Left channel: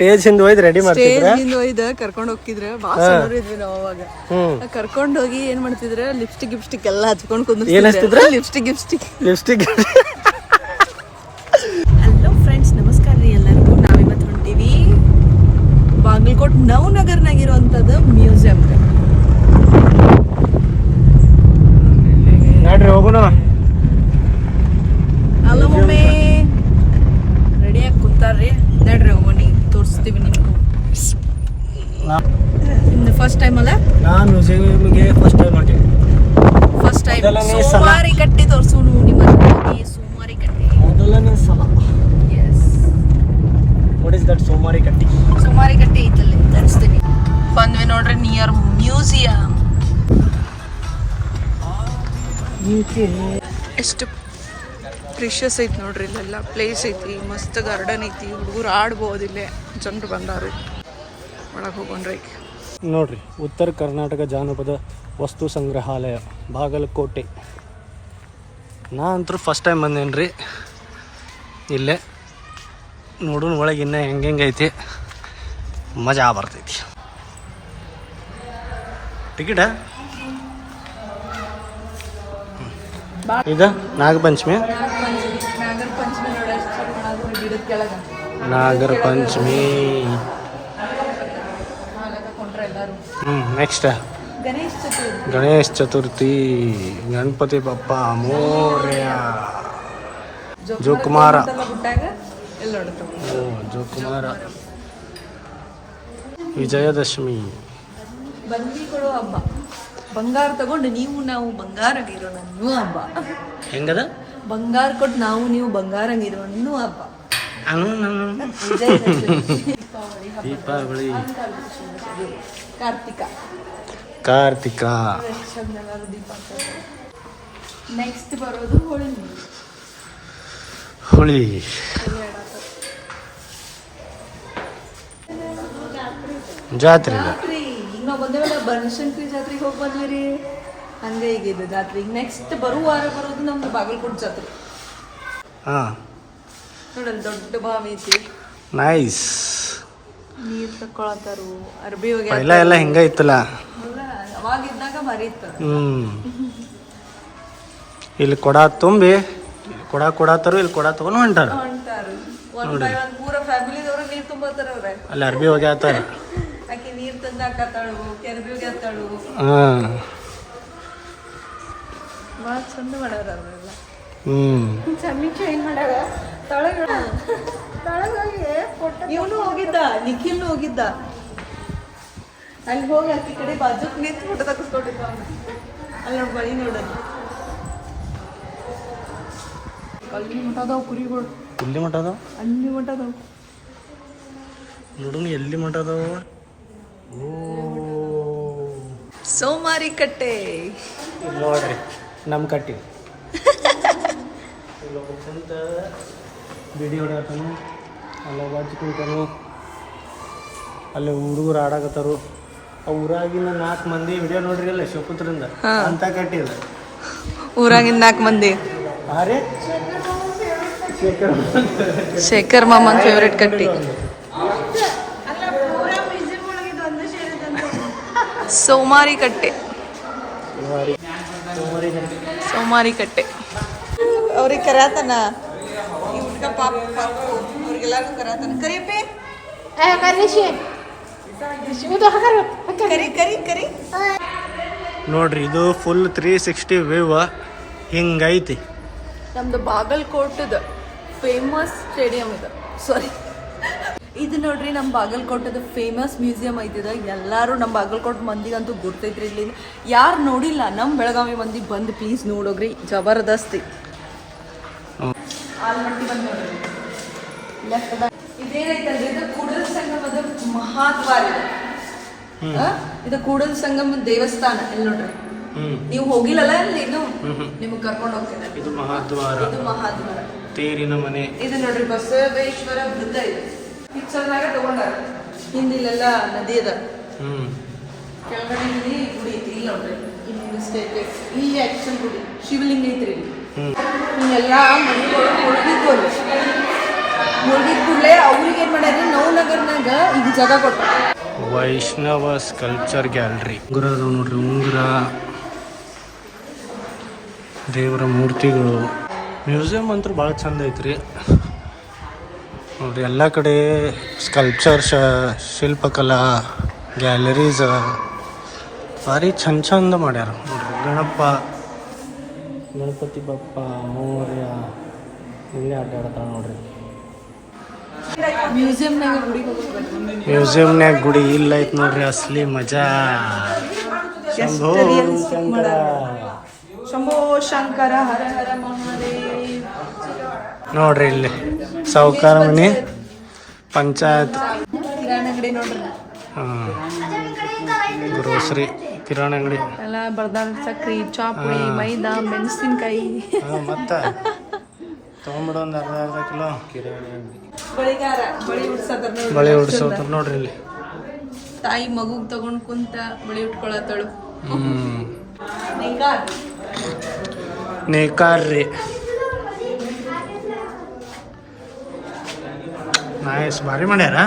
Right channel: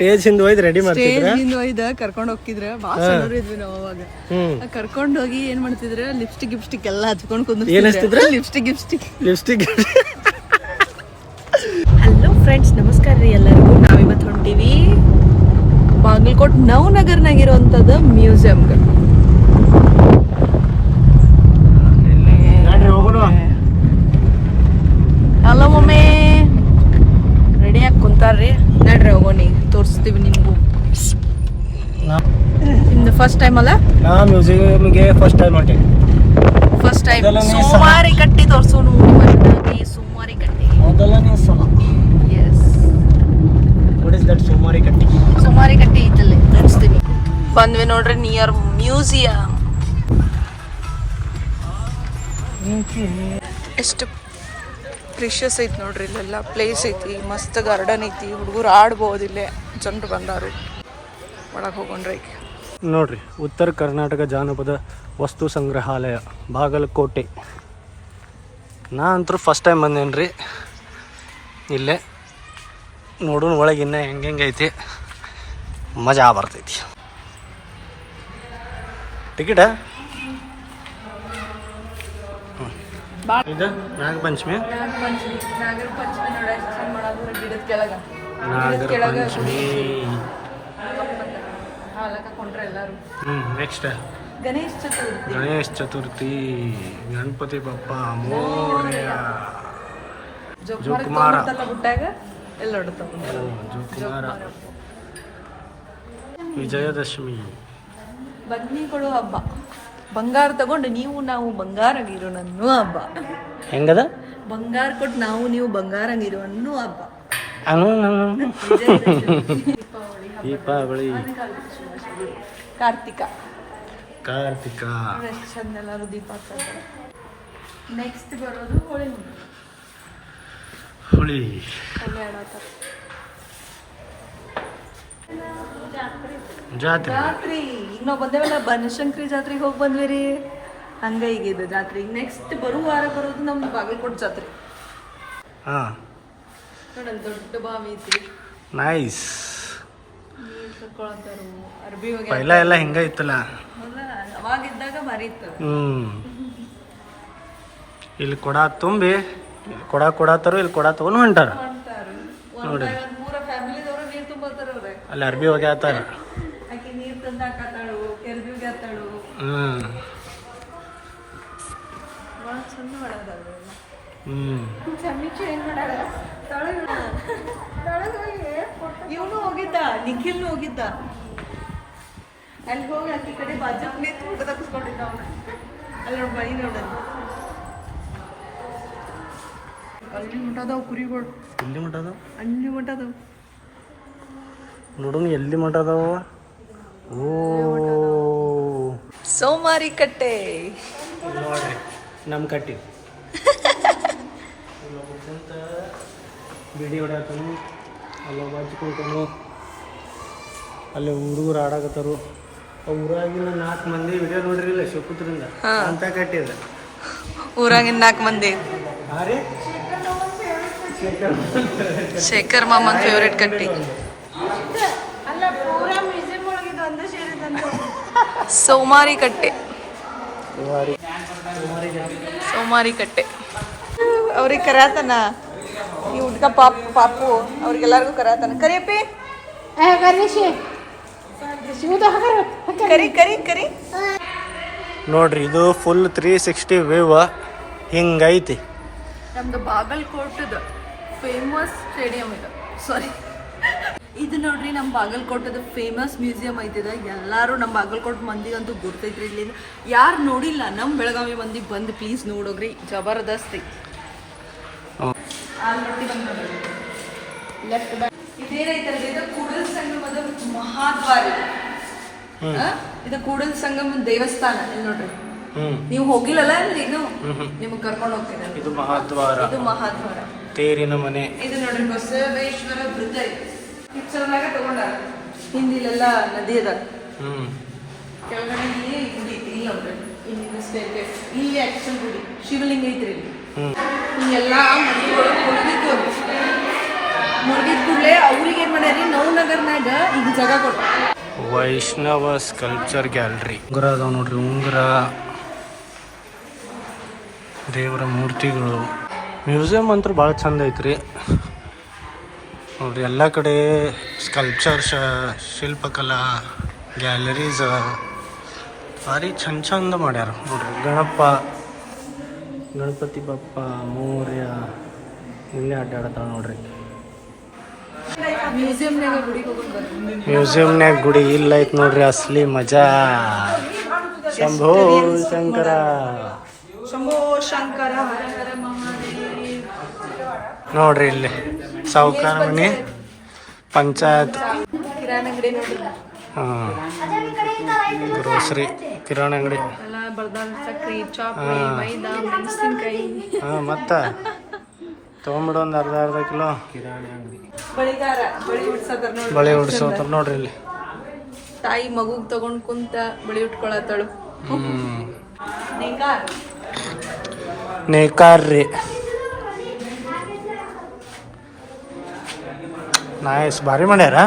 Stage ಹಿಂದೆ ಹೋಯ್ದು ready ಮಾಡ್ತಿದ್ರ ಹೋಯ್ದ ಕರ್ಕೊಂಡು ಹೋಗ್ತಿದ್ರ ಭಾಳ ಸಣ್ಣವ್ರು ಇದ್ವಿ ನಾವು ಅವಾಗ ಕರ್ಕೊಂಡು ಹೋಗಿ ಏನ್ ಮಾಡ್ತಿದ್ರ ಲಿಪ್ಸ್ಟಿಕ್ ಎಲ್ಲ ಹಚ್ಕೊಂಡು ಕುಂದಿರ್ತಿದ್ರ ಲಿಪ್ಸ್ಟಿಕ್ ಹಲೋ ಫ್ರೆಂಡ್ಸ್, ನಮಸ್ಕಾರ ರೀ ಎಲ್ಲರಿಗೂ. ನಾವಿವತ್ತು ಹೊಂಟೀವಿ ಬಾಗಲಕೋಟ್ ನವನಗರ್ನಾಗಿರುವಂತದ ಮ್ಯೂಸಿಯಂ. ಹಲೋ ಮಮ್ಮಿ, ರೆಡಿಯಾಗಿ ಕುಂತಾರ್ರಿ. ನಡ್ರಿ ಹೋಗೋನಿ, ತೋರಿಸ್ತೀವಿ ನಿಮ್ಗೂ. ನಿಮ್ದು ಫಸ್ಟ್ ಟೈಮ್ ಅಲ್ಲ? ನಾ ಮ್ಯೂಸಿಯಂಗೆ ಫಸ್ಟ್ ಟೈಮ್ ಹೊಂಟೆ. ಫಸ್ಟ್ ಟೈಮ್ ಸೋಮಾರಿ ಕಟ್ಟಿ ತೋರ್ಸೋನು. ಸೋಮಾರಿ ಕಟ್ಟಿ ಮೊದಲನೇ ಸಲ. ಎಸ್, ವಾಟ್ ಇಸ್ ದಟ್ ಸೋಮಾರಿ ಕಟ್ಟಿ? ಸೋಮಾರಿ ಕಟ್ಟಿ ಐತಲ್ಲ, ತೋರಿಸ್ತೀನಿ. ಬಂದ್ವಿ ನೋಡ್ರಿ ನಿಯರ್ ಮ್ಯೂಸಿಯಂ. ಎಷ್ಟು ಪ್ರಿಷಿಯಸ್ ಐತಿ ನೋಡ್ರಿ, ಇಲ್ಲೆಲ್ಲ ಪ್ಲೇಸ್ ಐತಿ, ಮಸ್ತ್ ಗಾರ್ಡನ್ ಐತಿ, ಹುಡುಗರು ಆಡ್ಬೋದು. ಇಲ್ಲೇ ಜನರು ಬಂದಾರು, ಒಳಗೆ ಹೋಗೋಣ್ರಿ. ನೋಡ್ರಿ, ಉತ್ತರ ಕರ್ನಾಟಕ ಜಾನಪದ ವಸ್ತು ಸಂಗ್ರಹಾಲಯ ಬಾಗಲಕೋಟೆ. ನಾ ಅಂತೂ ಫಸ್ಟ್ ಟೈಮ್ ಬಂದೇನ್ರಿ ಇಲ್ಲೇ. ನೋಡೋಣ ಒಳಗೆ ಇನ್ನೂ ಹೆಂಗೆ ಐತಿ, ಮಜಾ ಬರ್ತೈತಿ. ಟಿಕೆಟ ಇದು ನಾಗಪಂಚಮಿ. ನಾಗರ ಪಂಚಮಿ. ನೆಕ್ಸ್ಟ್ ಗಣೇಶ್ ಚತುರ್ಥಿ, ಗಣಪತಿ ಬಪ್ಪ ಮೋರ್ಯ, ಜೋಕುಮಾರ. ಓ ಜೋಕುಮಾರ. ವಿಜಯದಶಮಿ. ಬನ್ನಿಗಳು ಹಬ್ಬ. ಬಂಗಾರ ತಗೊಂಡು ನಾವು ಬಂಗಾರ ನೀಡಿ ಅನ್ನೋ ಹಬ್ಬ. ಹೆಂಗದ? ಬಂಗಾರ ಕೊಟ್ಟು ನೀವು ಬಂಗಾರ ನೀರು ಅನ್ನೋ ಹಬ್ಬ. ದೀಪಾವಳಿ. ಕಾರ್ತಿಕ. ನೆಕ್ಸ್ಟ್ ಬರೋದು ಹೋಳಿ. ಜಾತ್ರೆ. ಈಗ ಬಂದೇವಲ್ಲ, ಬನಶಂಕರಿ ಜಾತ್ರೆಗೆ ಹೋಗಿ ಬಂದ್ವಿ ರೀ. ಹಂಗ ಈಗಿದೆ ಜಾತ್ರೆ. ನೆಕ್ಸ್ಟ್ ಬರುವ ವಾರ ಬರೋದು ನಮ್ದು ಬಾಗಲಕೋಟೆ ಜಾತ್ರೆ. ನೋಡೋಣ, ದೊಡ್ಡ ಬಾವಿ ಐತಿ, ನೈಸ್. ನೀರು ತಕ್ಕೊಳತ್ತಾರು, ಅರ್ಬಿ ಪೈಲ ಎಲ್ಲ ಹಿಂಗ ಇತ್ತಲ್ಲ, ಅವಾಗ ಇದ್ದಾಗ ಭಾರಿ ಇತ್ತು. ಇಲ್ಲಿ ಕೊಡ ತುಂಬಿ ಕೊಡಾತಾರು, ಇಲ್ಲಿ ಕೊಡ ತಗೊಂಡು ಹೊಂಟಾರ ನೋಡಿ. ಪೂರ ಫ್ಯಾಮಿಲಿದವರು ನೀರು ತುಂಬತ್ತಾರ. ಅವ್ರೆ ಅಲ್ಲಿ ಅರ್ಬಿ ಒಗ್ಯಾತಾರ. ಆಕೆ ನೀರು ತಂದು ಹಾಕತ್ತಾಳು, ಅರ್ಬಿ ಒಗ್ಯಾತಾಳು. ಭಾಳ ಚಂದ ಮಾಡ್ಯಾರ ಅವರೆಲ್ಲ. ಸಮೀಕ್ಷೆ ಹೆಂಗ್ ಮಾಡ್ಯಾರ. ಇವನು ಹೋಗಿದ್ದ, ನಿಖಿಲ್ನು ಹೋಗಿದ್ದ. ಅಲ್ಲಿ ಹೋಗಿ ಆಕಿ ಕಡೆ ಬಾಜುಕ್ ನಿಂತು ಫೋಟೋ ತಗಿಸ್ಕೊಂಡಿದ್ದ ಅವನು. ಅಲ್ಲಿ ನೋಡಿ ಬಳಿ ನೋಡೋಣ. ಅಲ್ಲಿ ಮಠ ಅದಾವ ಕುರಿಗಳು. ಎಲ್ಲಿ ಮಠ ಅದಾವ? ಅಲ್ಲಿ ಮಠ ಅದಾವ. ನೋಡೋಣ ಎಲ್ಲಿ ಮಠ ಅದಾವ. ಓ ಸೋಮಾರಿ ಕಟ್ಟೆ ನೋಡ್ರಿ, ನಮ್ಮ ಕಟ್ಟಿ. ಬಿಡಿ ಹೊಡ್ಯಾತನು, ಅಲ್ಲ ಬಾಜು ಕುಂತಾನು. ಅಲ್ಲಿ ಹುಡುಗರು ಆಡಾಕತ್ತಾರು. ಆ ಊರಾಗಿನ 4 ಮಂದಿ ವಿಡಿಯೋ ನೋಡ್ರಿ ಇಲ್ಲ ಶಿವಪುತ್ರಿಂದ ಅಂತ ಕಟ್ಟಿದ. ಊರಾಗಿನ 4 ಮಂದಿ ಶೇಖರ್ ಮಾಮನ್ ಫೇವ್ರೇಟ್ ಕಟ್ಟಿ. ಸೋಮಾರಿ ಕಟ್ಟೆ. ಸೋಮಾರಿ ಕಟ್ಟೆ ಅವ್ರಿಗೆ ಕರ್ಯಾತನ. ಈ ಹುಡ್ಗ ಪಾಪು ಅವ್ರಿಗೆಲ್ಲರಿಗೂ ಕರ್ಯಾತನ. ಕರಿಯಪ್ಪಿ, ಕರಿ. ನೋಡ್ರಿ, ಇದು ಫುಲ್ 360 ವ್ಯೂ ಹಿಂಗೈತಿ. ನಮ್ದು ಬಾಗಲಕೋಟದ ಫೇಮಸ್ ಸ್ಟೇಡಿಯಂ ಇದೆ. ಸಾರಿ, ಇದು ನೋಡ್ರಿ ನಮ್ಮ ಬಾಗಲಕೋಟದ ಫೇಮಸ್ ಮ್ಯೂಸಿಯಂ ಐತಿದ. ಎಲ್ಲರೂ ನಮ್ಮ ಬಾಗಲಕೋಟೆ ಮಂದಿಗಂತೂ ಗುರ್ತೈತ್ರಿ. ಇಲ್ಲಿ ಯಾರು ನೋಡಿಲ್ಲ, ನಮ್ಮ ಬೆಳಗಾವಿ ಮಂದಿ ಬಂದು ಪ್ಲೀಸ್ ನೋಡೋಗ್ರಿ, ಜಬರ್ದಸ್ತಿ. ಆಲ್ಮಟ್ಟಿ ಬಂದು ನೋಡ್ರಿ. ಲೆಫ್ಟ್ ಬ್ಯಾಕ್ ಇದೇನೈತಲ್ರಿ, ಇದು ಕೂಡಲ ಸಂಗಮದ ಮಹಾದ್ವಾರ. ಇದು ಕೂಡಲ ಸಂಗಮ ದೇವಸ್ಥಾನ. ಇಲ್ಲಿ ನೋಡ್ರಿ, ನೀವು ಹೋಗಿಲ್ಲಲ್ಲ ಅಲ್ಲಿ, ಇನ್ನು ನಿಮ್ಗೆ ಕರ್ಕೊಂಡು ಹೋಗ್ತೇನೆ. ಇದು ಮಹಾದ್ವಾರ. ತೇರಿನ ಮನೆ. ಇದು ನೋಡ್ರಿ ಬಸವೇಶ್ವರ ವೃತ್ತ ಇದೆ. ಪಿಕ್ಚರ್ನಾಗ ತಗೊಂಡಾರ. ಹಿಂದಿಲೆಲ್ಲ ನದಿ ಅದ, ಕೆಳಗಡೆ ಗುಡಿ ಐತಿ. ಇಲ್ಲ ನೋಡ್ರಿ, ಇಲ್ಲಿ ಸ್ಟೇರ್ಕೇಸ್. ಇಲ್ಲಿ ಆಕ್ಚುಲ್ ಗುಡಿ ಶಿವಲಿಂಗ ಐತ್ರಿ. ಇಲ್ಲಿ ಹಿಂಗೆಲ್ಲ ಮನೆಗಳು ಹೊರಗಿದ್ದು ಅಲ್ಲಿ ಮುಳುಗಿದ ಕೂಡಲೇ ಅವ್ರಿಗೆ ಏನು ಮಾಡ್ಯಾರಿ ನವನಗರ್ನಾಗ ಈಗ ಜಾಗ ಕೊಟ್ಟ. ವೈಷ್ಣವ ಸ್ಕಲ್ಪ್ಚರ್ ಗ್ಯಾಲರಿ ಉಂಗುರ ಅದಾವ ನೋಡ್ರಿ. ಉಂಗುರ, ದೇವರ ಮೂರ್ತಿಗಳು. ಮ್ಯೂಸಿಯಂ ಅಂತೂ ಭಾಳ ಚಂದ ಐತ್ರಿ ನೋಡ್ರಿ. ಎಲ್ಲ ಕಡೆ ಸ್ಕಲ್ಪ್ಚರ್, ಶಿಲ್ಪಕಲಾ ಗ್ಯಾಲರೀಸ್ ಭಾರಿ ಚಂದ ಮಾಡ್ಯಾರ ನೋಡ್ರಿ. ಗಣಪತಿ ಬಪ್ಪ ಮೌರ್ಯ ಇಲ್ಲೇ ಅಡ್ಡಾಡ್ತಾವ ನೋಡ್ರಿ. ಮ್ಯೂಸಿಯಂನ್ಯಾಗ ಗುಡಿ ಇಲ್ಲ ಐತ್ ನೋಡ್ರಿ. ಅಸಲಿ ಮಜಾ. ಶಂಭೋ ಶಂಕರ, ಶಂಭೋ ಶಂಕರ, ಹರ ಹರ ಮಹಾದೇವ್. ನೋಡ್ರಿ ಇಲ್ಲಿ ಸಾಹುಕಾರ ಮನಿ, ಪಂಚಾಯತ್, ಕಿರಾಣಿ ಅಂಗಡಿ ನೋಡ್ರಿ. ಹಾಂ, ಗ್ರೋಸರಿ ಕಿರಾಣಿ ಅಂಗಡಿ ಎಲ್ಲ ಬರ್ದಾಣ. ಸಕ್ರಿ, ಚಾಪುಡಿ, ಮೈದಾ, ಮೆಣಸಿನ್ಕಾಯಿ. ಹಾಂ, ಮತ್ತೆ ತೊಗೊಂಬಿಡು ಒಂದು ಅರ್ಧ ಕಿಲೋ. ಬಳಿ ಉಡ್ಸೋತಾರ ನೋಡ್ರಿ ಇಲ್ಲಿ. ತಾಯಿ ಮಗುಗ್ ತಗೊಂಡ್ ಕುಂತ ಬಳಿ ಉಟ್ಕೊಳತ್ತಳು. ನೇಕಾರ್ ರೀ. ನೈಸ್, ಭಾರಿ ಮಾಡ್ಯಾರ.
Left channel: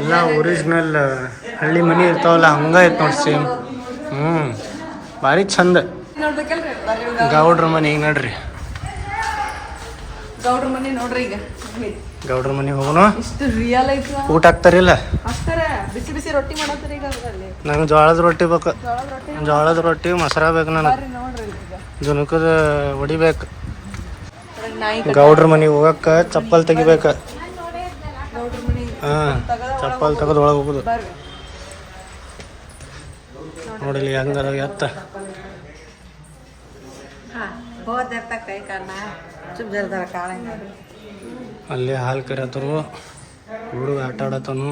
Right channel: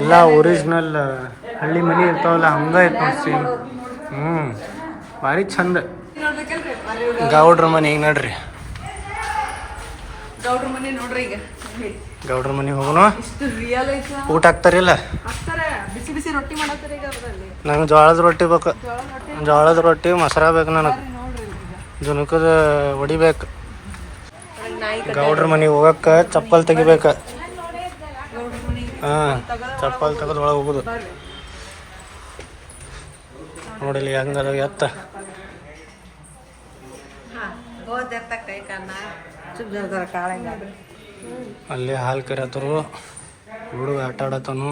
ಎಲ್ಲ ಒರಿಜಿನಲ್ ಹಳ್ಳಿ ಮನಿ ಇರ್ತಾವಲ್ಲ ಹಂಗ ಐತ್ ನೋಡಿ ಸೇಮ್. ಭಾರಿ ಚಂದ. ಗೌಡ್ರ ಮನೆ ಈಗ ನೋಡ್ರಿ. ಗೌಡ್ರ ಮನೆ ನೋಡ್ರಿ. ಈಗ ಗೌಡ್ರ ಮನೆ ಹೋಗೋಣ. ಇಷ್ಟು ರಿಯಲ್ ಐತಿ. ಊಟ ಹಾಕ್ತಾರಿಲ್ಲ? ಬಿಸಿ ಬಿಸಿ ರೊಟ್ಟಿ ಮಾಡತ್ತೀರಿ ಈಗ ಅದ್ರಲ್ಲಿ. ನಂಗೆ ಜೋಳದ ರೊಟ್ಟಿ ಬೇಕು. ಜೋಳದ ರೊಟ್ಟಿ ಮೊಸರ ಬೇಕು ನನಗೆ. ಜುನುಕದ ಹೊಡಿಬೇಕು. ಗೌಡ್ರ ಮನೆಗೆ ಹೋಗಕ್ಕ ಚಪ್ಪಲ್ ತೆಗಿಬೇಕ. ಹಾಂ, ಚಪ್ಪಲ್ ತೆಗೆದು ಒಳಗೆ ಹೋಗುದು ನೋಡಿಲಿ ಹಂಗದ ಎತ್ತ. ಅಲ್ಲಿ ಹಾಲು ಕರಿಯತ್ತರು, ಹುಡುಗ ಆಟ ಆಡತನು.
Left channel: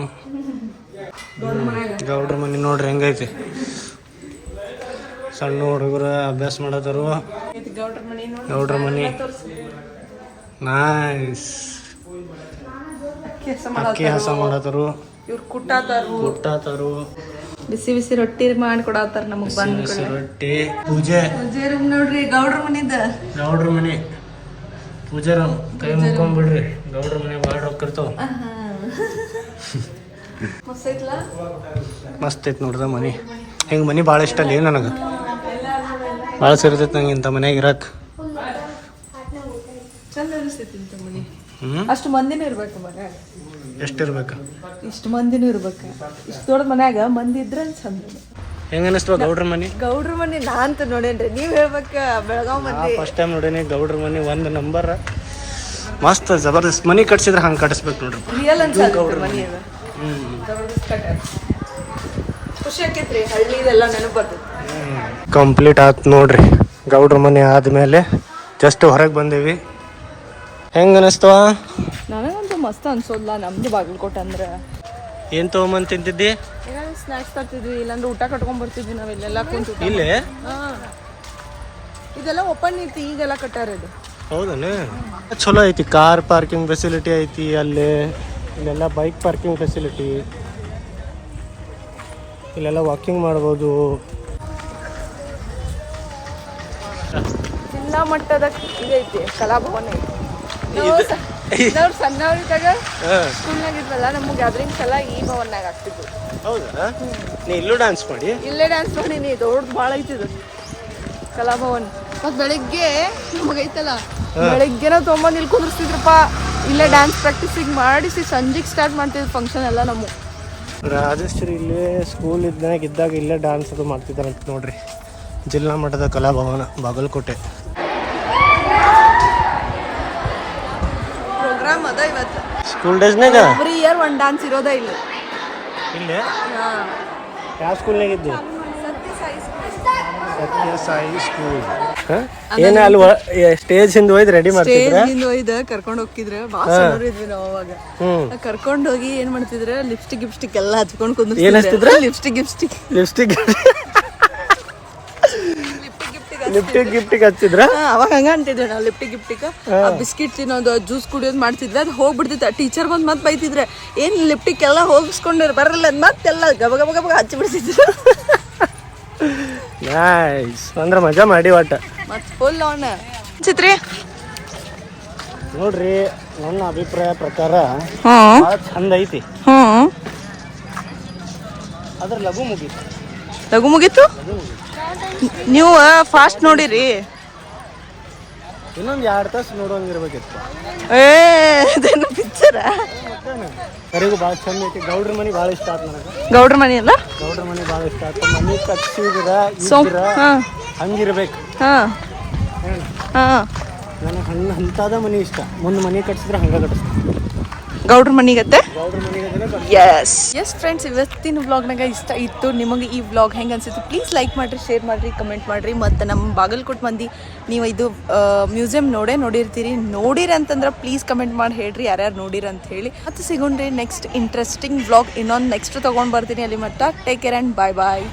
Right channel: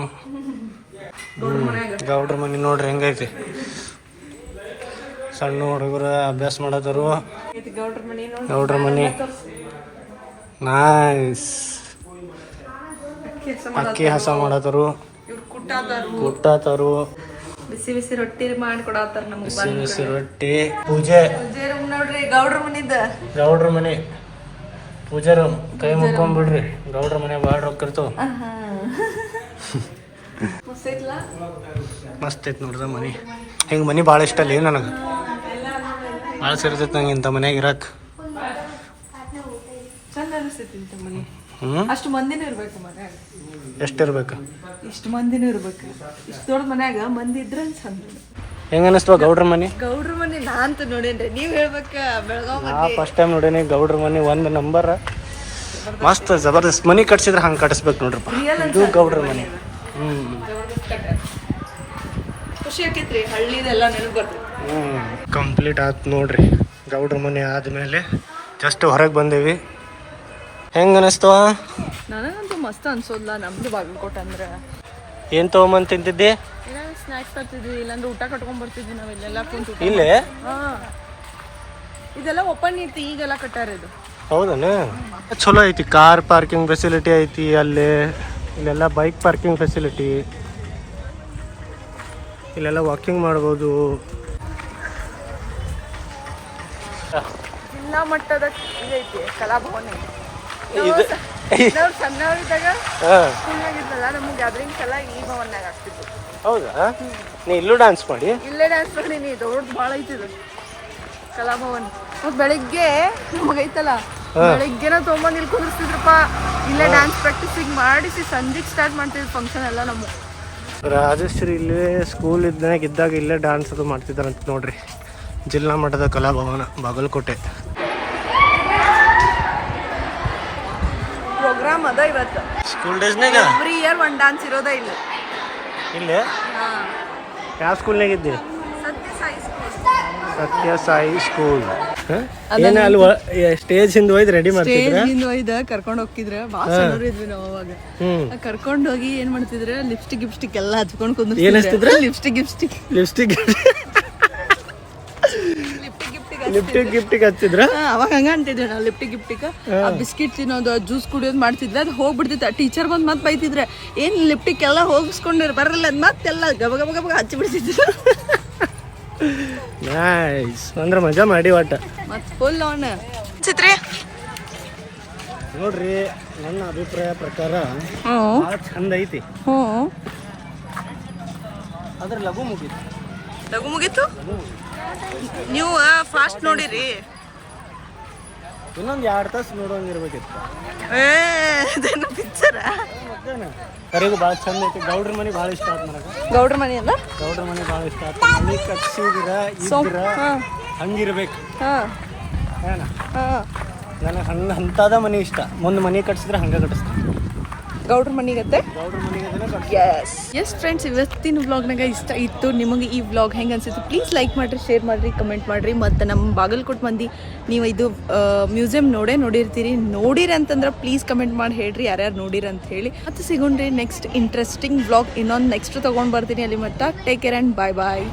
ಗೌಡ್ರ ಮನೆ ನೋಡ್ರಿ ಹೆಂಗೈತಿ. ಸಣ್ಣ ಹುಡುಗರು ಅಭ್ಯಾಸ ಮಾಡತ್ತರು. ಗೌಡ್ರ ಮನೆ ನೈಸ್. ಅಕ್ಕಿ ಹಸ ಮಾಡತ್ತರು, ಕುಟ್ಟಾತರು. ಬಿಸಿ ಬಿಸಿ ರೊಟ್ಟಿ ಮಾಡಿಕೊಡತ್ತಾರ ನಮ್ಗೆ. ಬಿಸಿ ಬಿಸಿ ರೊಟ್ಟಿ. ಪೂಜೆ ರೂಮ್ ನೋಡ್ರಿ. ಗೌಡ್ರ ಮನಿದ ಗೌಡ್ರ ಮನೆ ಪೂಜೆ ರೂಮ್. ಕೈ ಮುಕ್ಕೊಂಡ್ಬಿಡ್ರಿ. ಗೌಡ್ರ ಮನೆ ಭಾಳ ರೊಕ್ಕ ಇರ್ತಾವ. ಮಸ್ತ್ ಐತಿ ನೋಡ್ದ ಮನೆ. ಹಿಂಗೆ ಮನೆ ಭಾಳ ಇಷ್ಟ ಅಲ್ಲಿ ನನಗೆ. ಭಾಳ ಸೇರ್ತೈತಿ ನಂಗೆ ಇಂಥ ಮನ್ಯಾಗ ಇರಕ್. ಚಂದ ಅನಿಸ್ತೈತಿ ಇಂಥ ಮನೆ. ಅಷ್ಟು ಮಂದಿನೂ ಇರ್ಬೇಕು ಮನ್ಯಾಗ. ಎಷ್ಟಿರ್ಬೇಕು? ಇಷ್ಟು ಮಂದಿನೂ ಇರ್ಬೇಕು. ಇಷ್ಟು ದೊಡ್ಡ ಮನ್ಯಾಗ ಮಂದಿ ಇದ್ರ ಚಂದ. ಹೆಂಗ ಅನಿಸ್ತವ ಗೌಡ್ರ ಮನೆ? ಗೌಡ್ರ ಮನೆ ನಾ ಅಂತ ನೋಡೇನ್ರಿ. ನೀವ್ ಹೇಳ್ಬೇಕ. ಬೆಳಗಾವ್ ಮಂದಿ ಫಸ್ಟ್ ಟೈಮ್ ನೋಡೇನಿ ಗೌಡ್ರ ಮನೆ. ಒಂದು ನಂಬರ್ ಮಸ್ತ್ ಜಬರ್ದಸ್ತ್ ಮನೆ ಕಟ್ಸಿದ್ರೆ ಹಂಗೆ ಕಟ್ಟಿಸ್ಬೇಕು ನೋಡ್ರಪ್ಪ. ಇದು ಗೌಡ್ರ ಮನೆ. ಖುಷಿ ಆಕೈತ್ರಿ. ಹಳ್ಳಿದೆಲ್ಲ ನೆನಪು ಬರ್ತೈತಿ. ಕಂಪ್ಲೀಟ್ ಆಯ್ತು ನೋಡ್ರಿ. ಗೌಡ್ರ ಮನೆ ಆದ್ಮೇಲೆ ಜಸ್ಟ್ ಹೊರಗೆ ಬಂದೇವಿ. ಹೆಂಗ ಅನಿಸ್ತವ? ನನಗಂತೂ ಮಸ್ತ್ ಅನ್ಸೋದ್ಲ. ನಮ್ದು ಬಾಗಲಕೋಟೆ ಅಂದ್ರೆ ಏನ್ ತಗೊಂಬಂದ್ ತಿಂತಿದ್ದಿ? ಏನಾದ್ರು ಸ್ನಾಕ್ಸ್ ತರ್ತಿದ್ವಿ, ಇಲ್ಲಾಂದ್ರೆ ಊಟ ಕಟ್ಕೊಂಡ್ ಬರ್ತಿದ್ವಿ ನಾವೆಲ್ಲ ಕುಂತು. ಇಲ್ಲೇ ಇದೆಲ್ಲ ಓಪನ್ ಐತಿ, ಈಗೆಲ್ಲ ಕಟ್ಟಾರ ಇದು. ಹೌದಲ್ಲ? ಚಲೋ ಐತಿ. ಕಾರ್ ಪಾರ್ಕಿಂಗ್ ಫೆಸಿಲಿಟಿ ಐತಿ ಅಲ್ಲಿ. ಇಲ್ಲೆಲ್ಲ ಬೈಕ್ ಪಾರ್ಕಿಂಗ್ ಫೆಸಿಲಿಟಿ. ಇಲ್ಲೆಲ್ಲ ವಾಕಿಂಗ್ ಮಾಡ್ಬೋದು. ಜಿಲ್ಲಾ ಮಟ್ಟದ ಇದೈತಿ ಕಲಾಭವನ ಐತಿ. ನಾವು ಸಣ್ಣವರಿದ್ದಾಗ ಸ್ಕೂಲ್ನಾಗಿದ್ವಲ್ಲ, ನಮ್ಮ ಗ್ಯಾದರಿಂಗ್ಸ್ ಎಲ್ಲ ಈ ಭವನ್ನಾಗ ಆಗ್ತಿದ್ವಿ. ಹೌದಾ? ನೀ ಇಲ್ಲೂ ಡ್ಯಾನ್ಸ್ ಮಾಡಿ? ಇಲ್ಲೇ ಡ್ಯಾನ್ಸ್ ಮಾಡೀನಿ. ದೊಡ್ಡ ಭಾಳ ಐತಿದು ಕಲಾಭವನ್. ಮತ್ತು ಬೆಳಿಗ್ಗೆ ನಮಗೈತಲ್ಲ, ಬೆಳಿಗ್ಗೆನ ತೊಗೊಂಬಂದು ಇಲ್ಲಿ ಕುದಿಸ್ತಿದ್ರಪ್ಪ. ಇಲ್ಲೇ ಡ್ಯಾನ್ಸ್ ಪ್ರಾಕ್ಟೀಸಿಗೆ ಮಾಡಿಸಿ ಸಂಜೆಗೆ ಸ್ಟಾರ್ಟ್ ಮಾಡ್ತಿದ್ವಿ ಫಂಕ್ಷನ್ ಎಲ್ಲ. ನಮ್ಮ ರಾಜಶ್ರೀ ಇಲ್ಲೇ ಸ್ಕೂಲ್ ಇದ್ದಾಗ ಇಲ್ಲೇ ಡ್ಯಾನ್ಸ್ ಅದು ಮಾಡ್ತಿದ್ದಾರಂತ ನೋಡ್ರಿ. ಜಿಲ್ಲಾ ಮಟ್ಟದ ಕಲಾಭವನ ಬಾಗಲಕೋಟೆ. ಪ್ರೋಗ್ರಾಮ್ ಅದ ಇವತ್ತು. ಸ್ಕೂಲ್ ಡೇಸ್ನಾಗ ಎವ್ರಿ ಇಯರ್ ಒಂದು ಡ್ಯಾನ್ಸ್ ಇರೋದೇ ಇಲ್ಲ. ಇಲ್ಲೇ ಯಾವ ಸ್ಕೂಲ್ನಾಗ ಇದ್ದಿ? ಸತ್ಯ ಸಾಯಿ ಸ್ಕೂಲ್. ಏನ ಅಲ್ಲಿ ಸ್ಟೇಜ್ ಹಿಂದೆ ಹೋಯ್ದು ರೆಡಿ ಮಾಡ್ತಿದ್ರ? ಒಯ್ದ ಕರ್ಕೊಂಡು ಹೋಗಿದ್ರೆ ಭಾಳ ಸಣ್ಣವ್ರು ಇದ್ವಿ ನಾವು ಅವಾಗ. ಕರ್ಕೊಂಡು ಹೋಗಿ ಏನ್ ಮಾಡ್ತಿದ್ರೆ, ಲಿಪ್ಸ್ಟಿಕ್ ಎಲ್ಲ ಹಚ್ಕೊಂಡು ಕುಂದ್ರಿಸ್ತಿದ್ರ. ಲಿಪ್ಸ್ಟಿಕ್ ಗಿಫ್ಟಿಗೆ ಹಚ್ಚಿದ್ರ. ಅವಾಗ ಹಂಗ ಅಂತಿದ್ವಿ ನಾವು. ಲಿಪ್ಟಿಕ್ ಬಿಸ್ಕಿಟ್ ತಿನ್ನೋದು, ಜ್ಯೂಸ್ ಕುಡಿಯೋದು ಮಾಡ್ತಿದ್ವಿ. ಅದು ಹೋಗ್ಬಿಡ್ತಿತ್ತು. ಟೀಚರ್ ಬಂದು ಮತ್ತೆ ಬೈತಿದ್ರೆ, ಏನ್ ಲಿಪ್ಟಿಕ್ ಎಲ್ಲ ಹೋಗಿಸ್ಕೊಂಡಿರ್ ಬರಲ್ಲ ಅದ್ ಮತ್ತೆಲ್ಲ ಗಬ ಗಬ ಗಬ ಹಚ್ಚಿ ಬಿಡ್ತಿದ್ರು. ನೈಸ್. ಅಂದ್ರೆ ಮಜಾ ಮಾಡಿ ಒಟ್ಟ. ಮತ್ ಫುಲ್ ಆನ್ ಚಿತ್ರಿ ನೋಡ್ರಿ ನನ್ನ ಅಭಿಪ್ರಾಯ ಪ್ರಕಾರ ಹಾಂ ಭಾಳ ಚಂದ ಐತಿ, ಹಾಂ ಆದ್ರೆ ಲಘು ಮುಗೀತು. ಲಘು ಮುಗೀತು. ನೀವು ಫಾಸ್ಟ್ ನೋಡಿರಿ. ಇನ್ನೊಂದು 2 ತಾಸು ನೋಡೋಂಗಿರ್ಬೇಕಿತ್ತು. ಅದೇನು ಪಿಕ್ಚರಾ? ಮತ್ತೇನು ಕರಿಗೂ ಭಾಳ ಚಂದ ಐತಿ. ಗೌಡ್ರ ಮನೆ ಭಾಳ ಇಷ್ಟ ಆಯ್ತು ನನಗೆ. ಗೌಡ್ರ ಮನೆ ಅಲ್ಲ? ಗೌಡ್ರ ಮನೆ ಭಾಳ ಇಷ್ಟ ಆಯ್ತು. ಮನೆ ಕಟ್ಸಿದ್ರ ಇದ್ರ ಹಂಗಿರ್ಬೇಕು. ಹಾಂ ಏನ ಹಾಂ ನನಗೆ ಅಂಥದ ಮನೆ ಇಷ್ಟ. ಮುಂದೆ ಮನೆ ಕಟ್ಸಿದ್ರೆ ಹಂಗೆ ಕಟ್ಟಿಸ್ತೀನಿ. ಗೌಡ್ರ ಮನೆಗತ್ತೆ. ಗೌಡ್ರ ಮನೆಗೆ ಎಸ್ ಫ್ರೆಂಡ್ಸ್, ಇವತ್ತಿನ ವ್ಲಾಗ್ನಾಗ ಇಷ್ಟ ಇತ್ತು. ನಿಮಗೆ ಈ ವ್ಲಾಗ್ ಹೆಂಗೆ ಅನ್ಸಿತ್ತು ಪ್ಲೀಸ್ ಲೈಕ್ ಮಾಡಿರಿ, ಶೇರ್ ಮಾಡಿರಿ, ಕಮೆಂಟ್ ಮಾಡಿರಿ. ಮತ್ತು ನಮ್ಮ ಬಾಗಲಕೋಟೆ ಮಂದಿ ನೀವು ಇದು ಮ್ಯೂಸಿಯಂ ನೋಡಿರ್ತೀರಿ. ನೋಡಿರಿ ಅಂತಂದ್ರೆ ಪ್ಲೀಸ್ ಕಮೆಂಟ್ ಮಾಡಿ ಹೇಳ್ರಿ ಯಾರ್ಯಾರು ನೋಡಿರಿ ಅಂತ ಹೇಳಿ. ಮತ್ತು ಸಿಗೋಣ್ರಿ ನೆಕ್ಸ್ಟ್ ಇಂಟ್ರೆಸ್ಟಿಂಗ್ ವ್ಲಾಗ್ ಇನ್ನೊಂದು ನೆಕ್ಸ್ಟ್ ತೊಗೊಂಡು ಬರ್ತೀನಿ. ಅಲ್ಲಿ ಮಟ್ಟ take care and bye bye.